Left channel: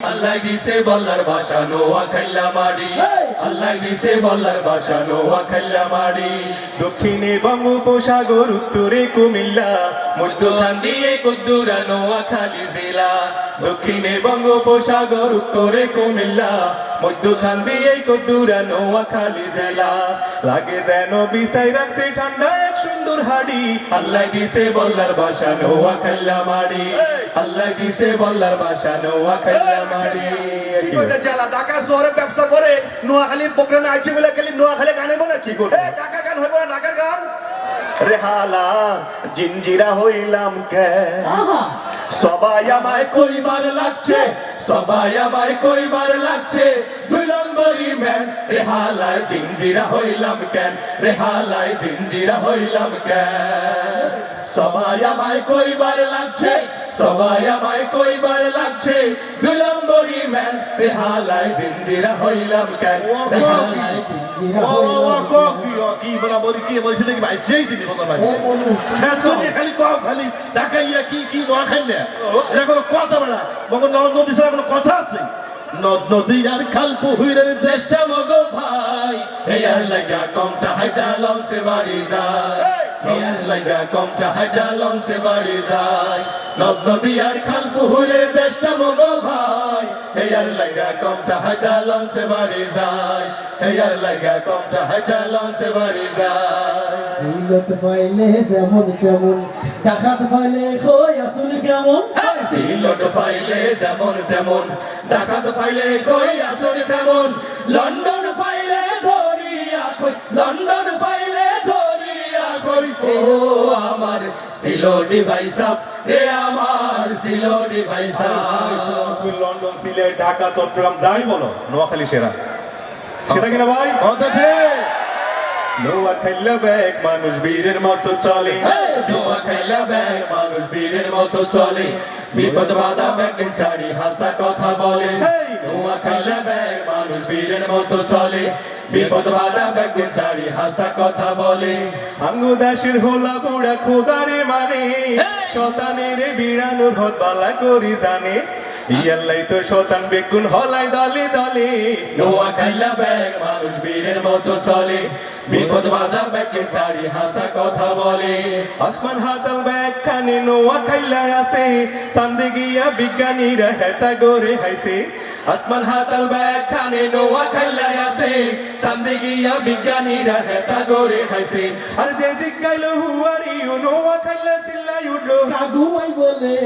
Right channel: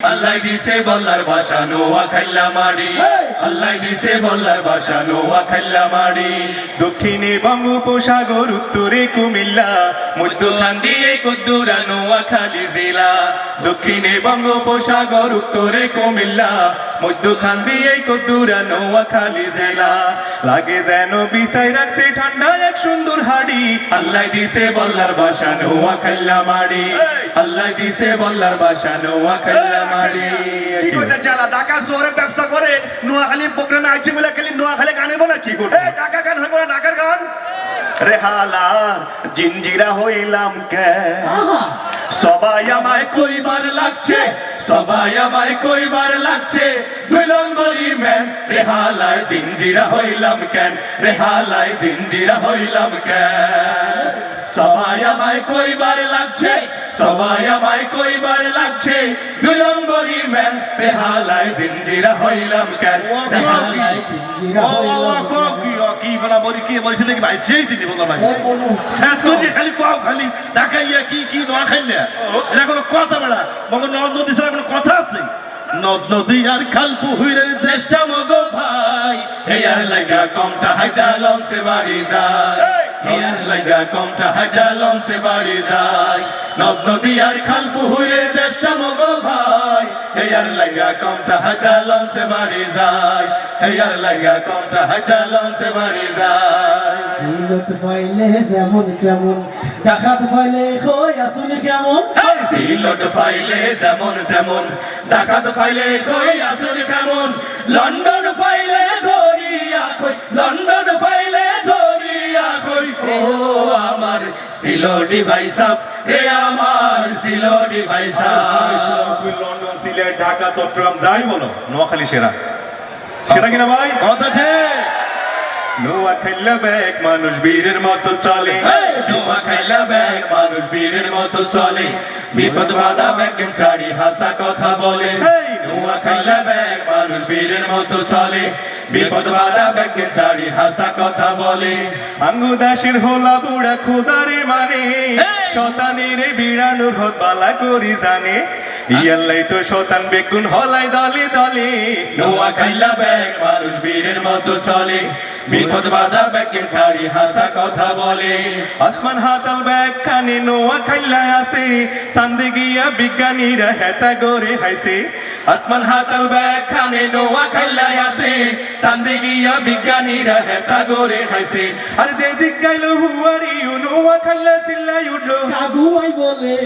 আল্লাহ দিছে বলার ভাষা নোয়া খাল্লা মাড়ি, আল্লাহ দিছে বলার ভাষা নোয়া খাল্লা মাড়ি। দক্ষিণে বঙ্গোপসাগর, উত্তরে কুমিল্লা, মধ্যখান দিয়ে কদ্দুরা নোয়াখালী জেলা। দক্ষিণে বঙ্গোপসাগর, উত্তরে কুমিল্লা, মধ্যখান দিয়ে কদ্দুরা নোয়াখালী জেলা। লাগে যেন বিছাই রাখছে ঠান্ডা এক সুন্দর হাড়ি। আল্লাহ দিছে বলার ভাষা নোয়া খাল্লা মাড়ি, আল্লাহ দিছে বলার ভাষা নোয়া খাল্লা মাড়ি। কি করতে জেলা ঢাকা শহরে ব্যবসা করে নোয়াখালী প্রোগ্রামে আইছে বলে খালি নোয়াখালী গানে বলে কি করতে ঢাকা গান হইব না ঢাকার গান। রেহালা জিঞ্জিরা হইলাম কে, সবাই আমায় কইবার লাগছে, সবাই আমায় কইবার লাগছে, দুই নম্বরি ম্যান। রেহালায় জিঞ্জিরা হইলাম কেন, রেহালায় জিঞ্জিরা হইলাম কেন। সবাই আমায় কইবার লাগছে, সবাই আমায় কইবার লাগছে, দুই নম্বরি ম্যান। রেহালায় জিঞ্জিরা হইলাম কেন, রেহালায় জিঞ্জিরা হইলাম কেন। কি বলা বলি কি বলছে নাকি ভাই সেই জিনি বলা ভাই খালি কও খালি ঢাকা ইয়া কি কি নোয়াখালী এটা কোনো কথা বেড়া মগ নদী ছাড়া কোনো কথা আছে? নদ নদী আর খাল পুহুরের দেশটা মগো ভাই, হেয়ার লাগা কমটা হাইদা লঞ্চে বাড়ি যায়, হেয়ার লাগা কমটা হাইদা লঞ্চে বাড়ি যায়। নদ নদী আর খাল পুহুরের দেশটা মগো ভাই, হেয়ার লাগা কমটা হাইদা লঞ্চে বাড়ি যায়, হেয়ার লাগা কমটা হাইদা লঞ্চে বাড়ি যায়। সিলত ফাইলে যেমন তেমন, ডাকাত ফাইলে কই আসুনি কেমন। সিলট ফাইলে যেমন তেমন, ডাকাত ফাইলে কই আসুনি কেমন। লন্ডন ফাইলে ধরিয়া কই, লন্ডন ফাইলে ধরিয়া কই। ও আমার সিলোডি ভাই সাব, রে আমার সিলোডি ভাই সাব। লন্ডন সিলেট ঢাকা চট্টগ্রাম যাই বলো নোয়াখালী সেরা, সেটা কিনা ভাই কথা ঠিক। নোয়াখালী ব্যাগ মানুষ বীরের মতো চলে, নোয়াখালী ব্যাগ মানুষ বীরের মতো চলে। বিপদ বাধা ব্যাগেন শাড়ি হাসা কথা বলে, নোয়াখালী ব্যাগ মানুষ বীরের মতো চলে। বিপদ বাধা ব্যাগেন শাড়ি হাসা কথা বলে। আঙ্গুদাসের হোলা বুড়া খোদারে মানে, শতানের বিড়ানোর হত বালা করি জানে। ইয়াল্লাই তো শতান বেগুন হলাই দলে দলে। নোয়াখালী ব্যাগ মানুষ বীরের মতো চলে, বিপদ বাধা ব্যাগেন শাড়ি হাসা কথা বলে। আসমান হাতাল ব্যাগ খানে নোয়াখালী আছে, সান্দে গিয়া বিজ্ঞানীরা হেতা গড়ে হাইছে। আসমান হাতাল ব্যাগ খানে নোয়াখালী আছে, সান্দে গিয়া বিজ্ঞানীরা হেতা গড়ে হাইছে। আর যে দিক গাইল হুয়ারি নোয়াখালী চিল্লাই উঠলো কাগুয়াই বলে।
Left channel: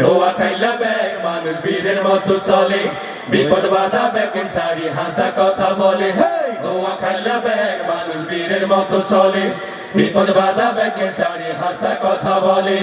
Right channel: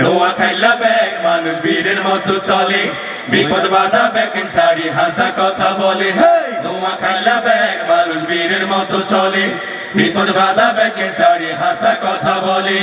নোয়াখালী ব্যাগ মানুষ বীরের মতো চলে, বিপদ বাধা ব্যাগেন শাড়ি হাসা কথা বলে। নোয়াখালী ব্যাগ মানুষ বীরের মতো চলে, বিপদ বাধা ব্যাগেন শাড়ি হাসা কথা বলে।